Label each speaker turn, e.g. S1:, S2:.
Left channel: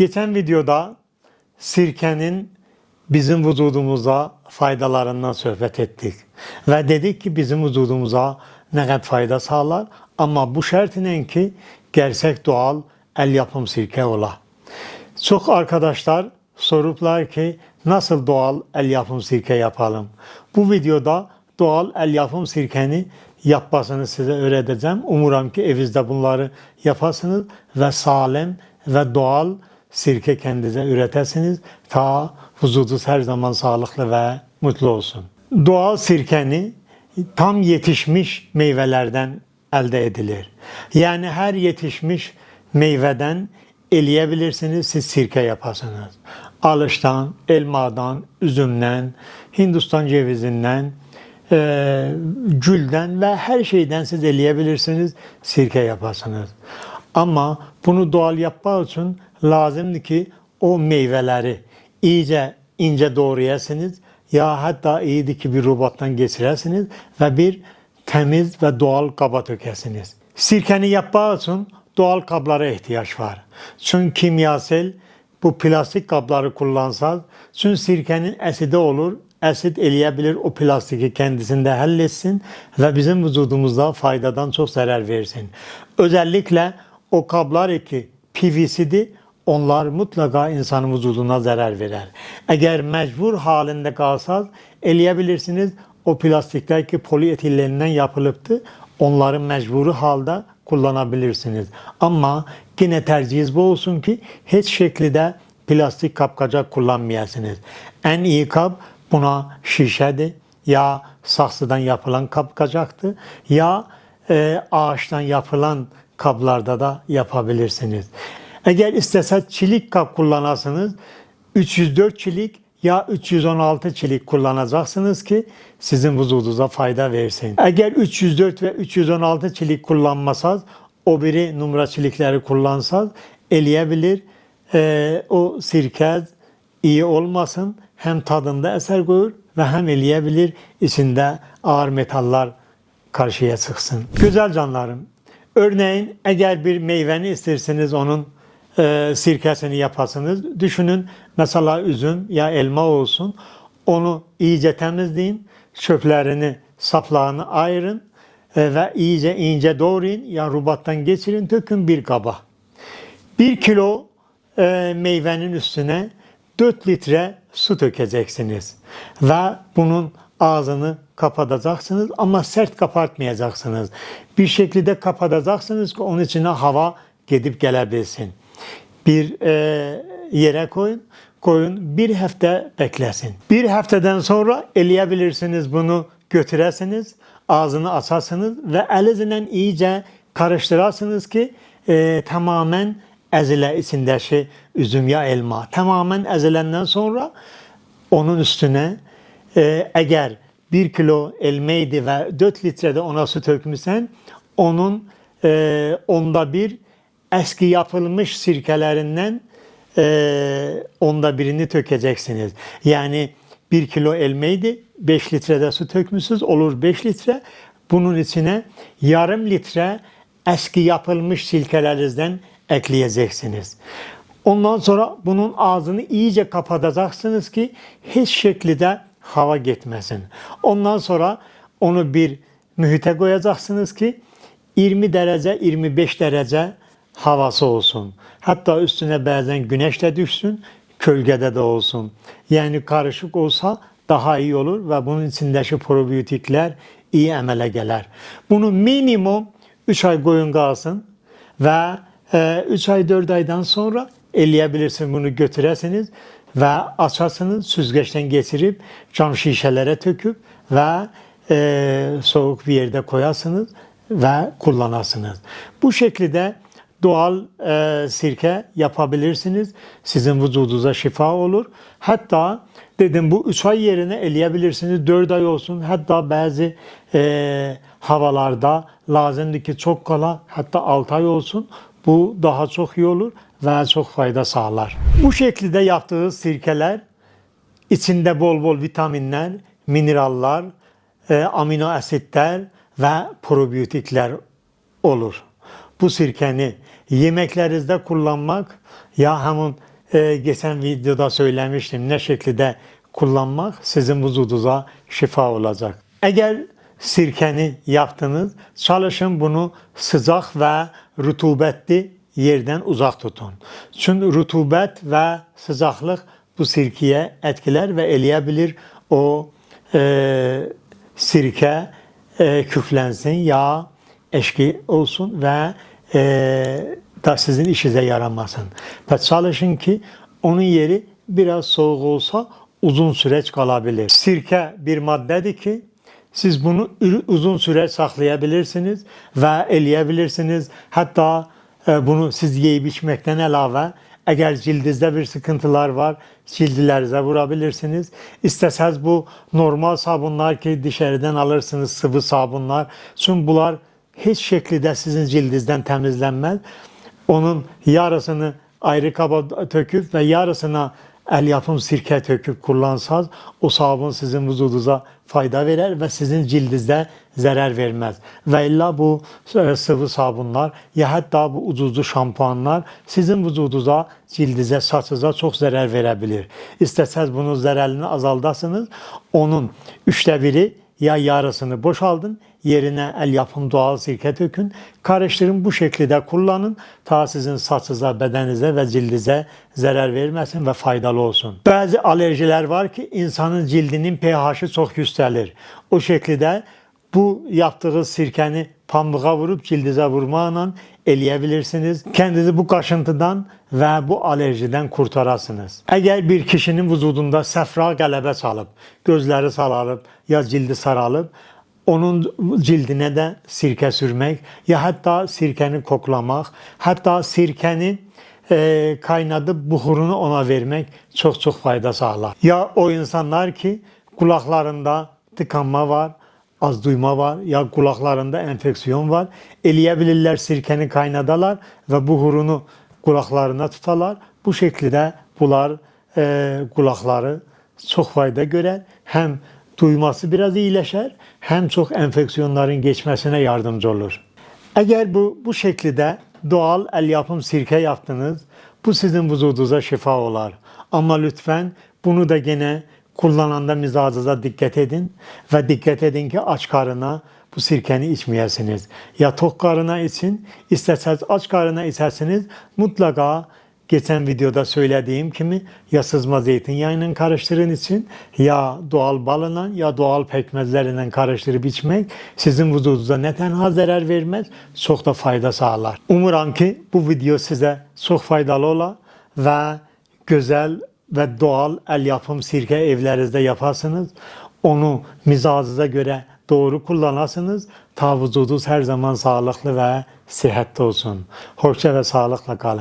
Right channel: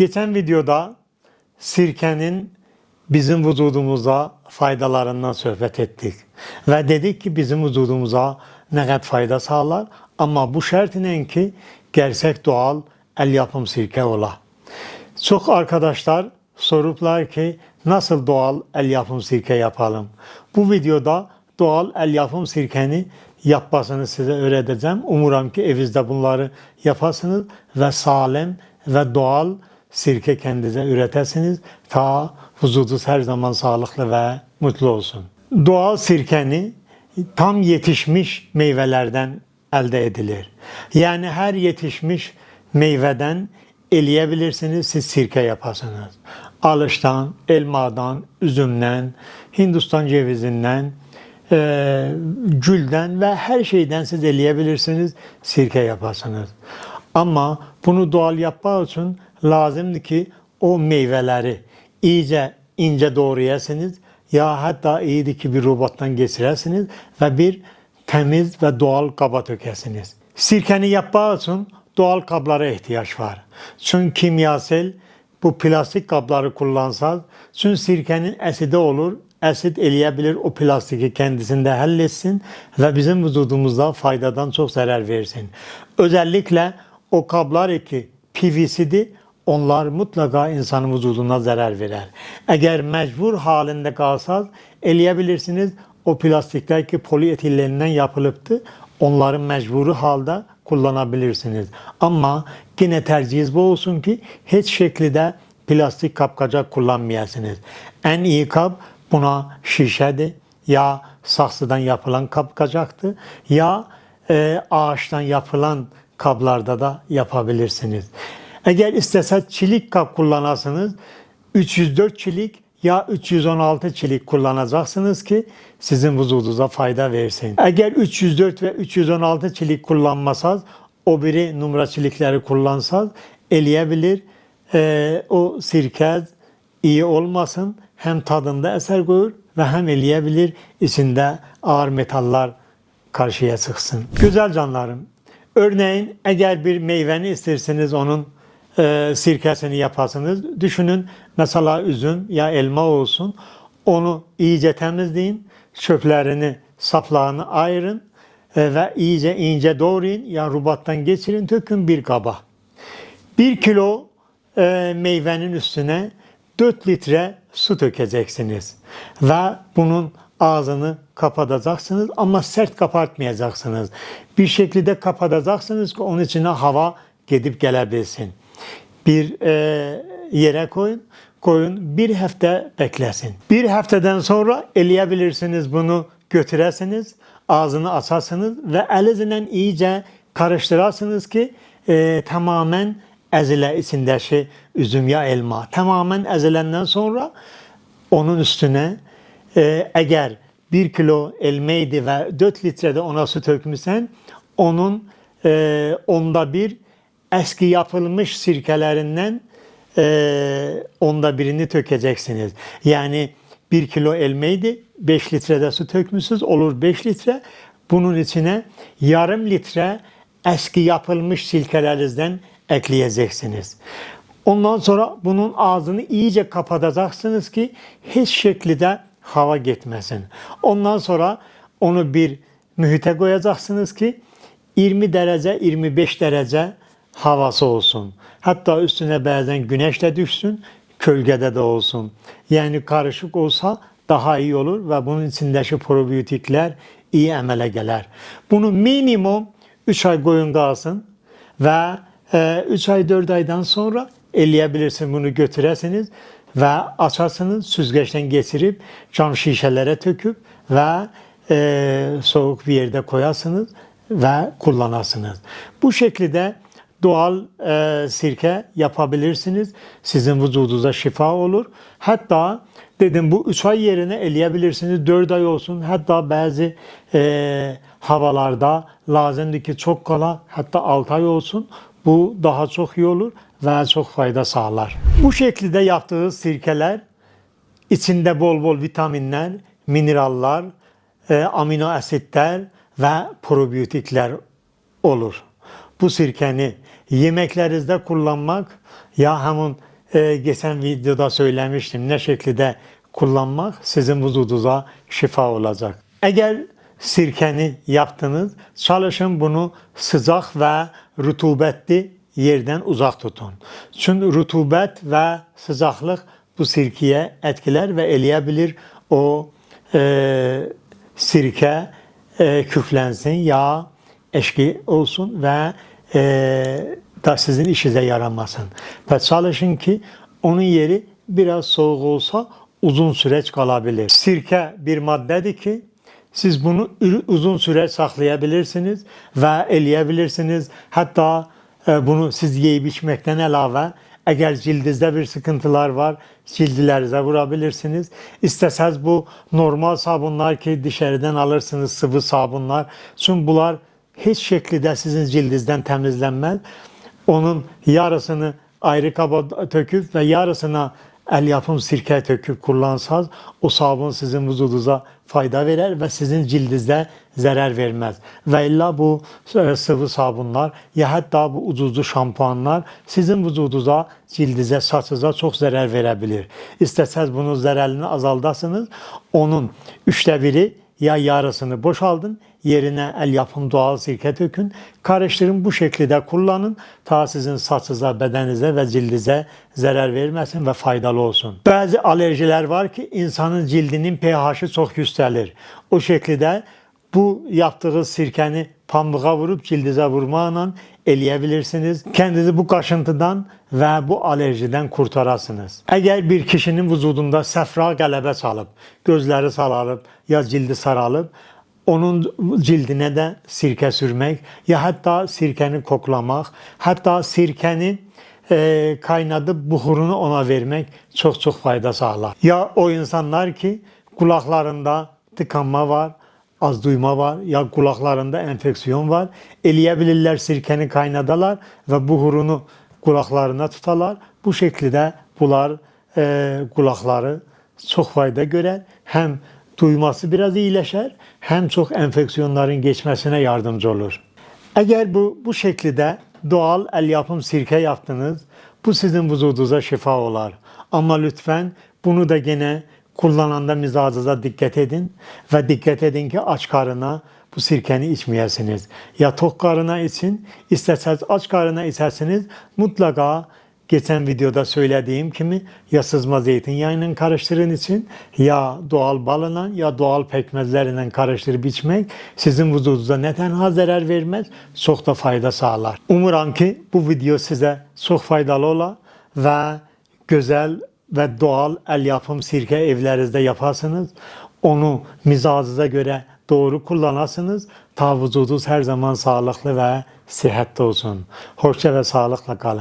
S1: Geçen videoda sirkenin bizim vücudumuza faydalarından sohbet ettik. Ve dedik ki bizim vücudumuza ne kadar fayda sağlar ama bu şartla ki gerçek doğal el yapım sirke ola. Çok arkadaşlar soruplar ki nasıl doğal el yapım sirke yapalım. Bu videoda doğal el yapım sirkeni yapmasını size öğreteceğim. Umuram ki evinizde bunları yapasınız ve sağlam ve doğal sirke kendinize üretesiniz. Ta vücudunuz her zaman sağlıklı ve mutlu olsun. Doğal sirkeni tam yetişmiş meyvelerden elde edilir. Yani her yetişmiş meyveden eleyebilirsiniz, siz sirke yapasınız. Alıştan, elmadan, üzümden, Hindistan cevizinden, e, gülden ve her şeyden siz eleyebilirsiniz, sirke yapasınız. Ama bunu doğal yapmak için lazımdı ki o meyveleri iyice ince doğrayasınız ya hatta iyiydi ki bir robottan geçiresiniz ve bir temiz ve doğal kaba tökersiniz. Sirkeni yapmak için doğal kablara ihtiyaç var. Çünkü kimyasal bu plastik kabları kullansanız çünkü sirkenin asidi olur. Asit eleyebilir o plastiki kendisinde halletsin ve bizim vücudumuzda faydadan çok zarar versin. Özellikle o kablar ki PVC'di onlar mutlaka insanın vücuduna zarar verer. Eğer mecbur halinde kalsanız eleyebilirsiniz. O plastikler ki polietillerinden yapılıptı. Onları mecburi halde kullanabilirsiniz. Ama yine tercihiniz bu olsun ki hiç şekilde plastik kapkacak kullanmayasınız. En iyi kap buna şişedi ya saksıdan yapılan kapkacaktı ya e, ağaçtan yapılan kaplarda da yapabilirsiniz. Eğer istese çelik kap kullanasınız 304 çelik ya 316 çelik kullanacaksınız ki sizin vücudunuza fayda versin. Eğer 304 ve 316 çelik kullanmasanız o biri numara çelikleri kullansanız eleyebilir. Ee, o sirke iyi olmasın hem tadında eser koyur ve hem eleyebilir içinde ağır metallar karşıya çıksın. Güzel canlarım. Örneğin eğer bir meyveni isterseniz onun e, sirkesini yapasınız. Düşünün mesela üzüm ya elma olsun. Onu iyice temizleyin. Çöplerini, saplarını ayırın e, ve iyice ince doğrayın. Ya rubattan geçirin, tökün bir kaba. Bir kilo e, meyvenin üstüne 4 litre su dökeceksiniz. Ve bunun ağzını kapatacaksınız ama sert kapatmayacaksınız. Bir şekilde kapatacaksınız ki onun içine hava gidip gelebilsin. Bir e, yere koyun, koyun bir hafta beklesin. Bir haftadan sonra eleyebilirsiniz bunu götüresiniz, ağzını açarsınız ve elinizle iyice karıştırasınız ki e, tamamen ezile içindeki üzüm ya elma. Tamamen ezilenden sonra onun üstüne e, eğer bir kilo elmaydı ve 4 litrede ona su dökmüşsen onun e, onda bir eski yapılmış sirkelerinden e, onda birini dökeceksiniz. Yani bir kilo elmaydı 5 litrede su dökmüşsünüz olur 5 litre. Bunun içine yarım litre eski yapılmış silkelerinizden ekleyeceksiniz. Ondan sonra bunun ağzını iyice kapatacaksınız ki hiç şekilde hava gitmesin. Ondan sonra onu bir mühite koyacaksınız ki 20 derece 25 derece havası olsun. Hatta üstüne bazen güneş de düşsün, kölgede de olsun. Yani karışık olsa daha iyi olur ve bunun içindeki probiyotikler iyi emele gelir. Bunu minimum 3 ay koyun kalsın ve 3 ay 4 aydan sonra eleyebilirsin bunu götüresiniz ve açarsınız süzgeçten geçirip cam şişelere töküp ve e, soğuk bir yerde koyarsınız ve kullanasınız. Bu şekilde doğal e, sirke yapabilirsiniz. Sizin vücudunuza şifa olur. Hatta dedim bu 3 ay yerine eleyebilirsiniz. 4 ay olsun. Hatta bazı e, havalarda lazımdı ki çok kala hatta 6 ay olsun. Bu daha çok iyi olur ve çok fayda sağlar. Bu şekilde yaptığı sirkeler içinde bol bol vitaminler, mineraller, e, amino asitler ve probiyotikler olur. Bu sirkeni yemeklerinizde kullanmak ya hemen e, geçen videoda söylemiştim. Ne şekilde kullanmak sizin vücudunuza şifa olacak. Eğer sirkeni yaptınız, çalışın bunu sıcak ve rutubetli yerden uzak tutun. Çünkü rutubet ve sıcaklık bu sirkeye etkiler ve eleyebilir. O e, sirke e, küflensin, yağ eşki olsun ve e, da sizin işinize yaramasın. Ve çalışın ki onun yeri biraz soğuk olsa uzun süreç kalabilir. Sirke bir maddedir ki siz bunu uzun süre saklayabilirsiniz ve eleyebilirsiniz. Hatta e, bunu siz yiyip içmekten elave eğer cildinizde bir sıkıntılar var, cildlerinize vurabilirsiniz. İsteseniz bu normal sabunlar ki dışarıdan alırsınız sıvı sabunlar. Çünkü bunlar hiç şekilde sizin cildinizden temizlenmez. Onun yarısını ayrı kaba töküp ve yarısını el yapım sirke töküp kullansanız o sabun sizin vücudunuza fayda verir ve sizin cildinizde zarar vermez. Ve illa bu e, sıvı sabunlar ya hatta bu ucuzlu şampuanlar sizin vücudunuza, cildinize, saçınıza çok zarar verebilir. İsterseniz bunun zararını azaldasınız. Onun üçte biri ya yarısını boşaldın, yerine el yapım doğal sirke dökün, karıştırın bu şekilde kullanın. Ta sizin saçınıza, bedenize ve cildinize zarar vermesin ve faydalı olsun. Bazı alerjiler var ki insanın cildinin pH'i çok yükselir. O şekilde bu yaptığı sirkeni pamuğa vurup cildinize vurmakla eleyebilirsiniz. Kendinizi bu kaşıntıdan ve bu alerjiden kurtarasınız. Eğer bir kişinin vücudunda safra qələbə çalıb, gözləri sararıb ya cildi saralıb, onun cildine de sirke sürmek ya hatta sirkeni koklamak, hatta sirkeni e, kaynadıp buhurunu ona vermek çok çok fayda sağlar. Ya o insanlar ki kulaklarında tıkanma var, az duyma var ya kulaklarında enfeksiyon var. Eleyebilirler sirkeni kaynadalar ve buhurunu kulaklarına tutarlar. Bu şekilde bunlar e, kulakları çok fayda görer. Hem duyması biraz iyileşer hem çok enfeksiyonların geçmesine yardımcı olur. Eğer bu bu şekilde doğal el yapım sirke yaptınız, bu sizin vücudunuza şifa olar. Ama lütfen bunu da gene kullananda mizacınıza dikkat edin ve dikkat edin ki aç karına bu sirkeni içmeyesiniz. Ya tok karına için, isterseniz aç karına içersiniz mutlaka geçen videoda söylediğim gibi ya sızma zeytinyağıyla karıştırın için ya doğal balına ya doğal pekmezleriyle karıştırıp içmek sizin vücudunuza ne tenha zarar vermez çok da fayda sağlar. Umuram ki bu video size çok faydalı ola ve güzel ve doğal el yapım sirke evlerinizde yaparsınız. Onu mizacınıza göre doğru kullanasınız. Ta vücudunuz her zaman sağlıklı ve sıhhatli olsun. Hoşça ve sağlıkla kalın.